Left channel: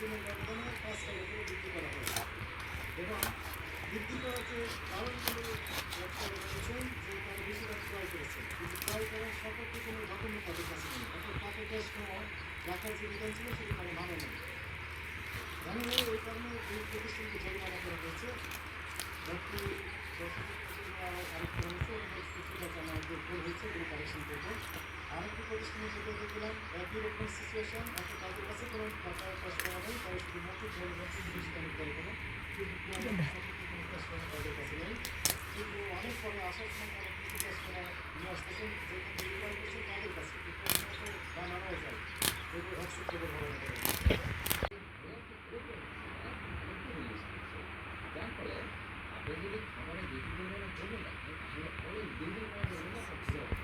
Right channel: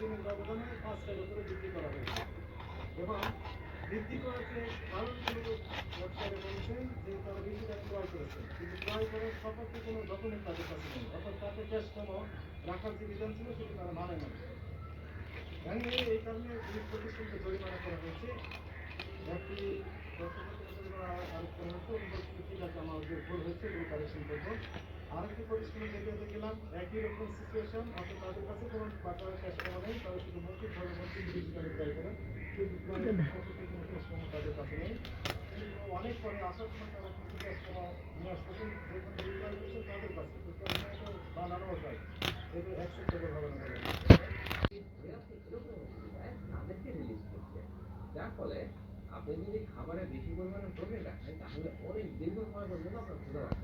দিনের ব্যবধানে 5 টাকা করে বৃদ্ধি করা হয়েছে এবং বৃদ্ধি করার যে কারণগুলো তারা বলেছেন যে তারা বেশি টাকা ক্রয় করেছেন, কিন্তু ক্রয় করার সপক্ষে কোনো ডকুমেন্ট তাদের কাছে নেই, অর্থাৎ তাকে ক্যাশ মেমো রাখার যে বিধান ছিল সেটি তারা মানে নেই। এই কারণে এই প্রতিষ্ঠানকে জরিমানা করা হয়েছে। বাকি আরেক করা হয়েছে এবং ঠিক আছে আমাদের ভুল হয়েছে এগুলো কারেকশন করবো। আরেকটি প্রতিষ্ঠানে যেটা দেখলাম একই রকম সিচুয়েশন, অর্থাৎ তাদের কাছে কোনো টাকা ক্যাশ করা নেই, তারা শুধু মৌখিক ধরে বলছে 30 টাকা ক্রয় করে, কিন্তু কোনো ক্যাশ করা তাদের কাছে নেই। কিন্তু অনেক পরে আসার সময় তারা কিছু ক্যাশ করা নিয়ে আসতেছেন, যেখান থেকে ক্রয় করছে তাদের কাছে বানানো যায় এগুলো 100 টাকা ভাড়া নেওয়া যায়। যার ফলে আপনি যদি খাবারে বেশি পরিমাণে চলে যান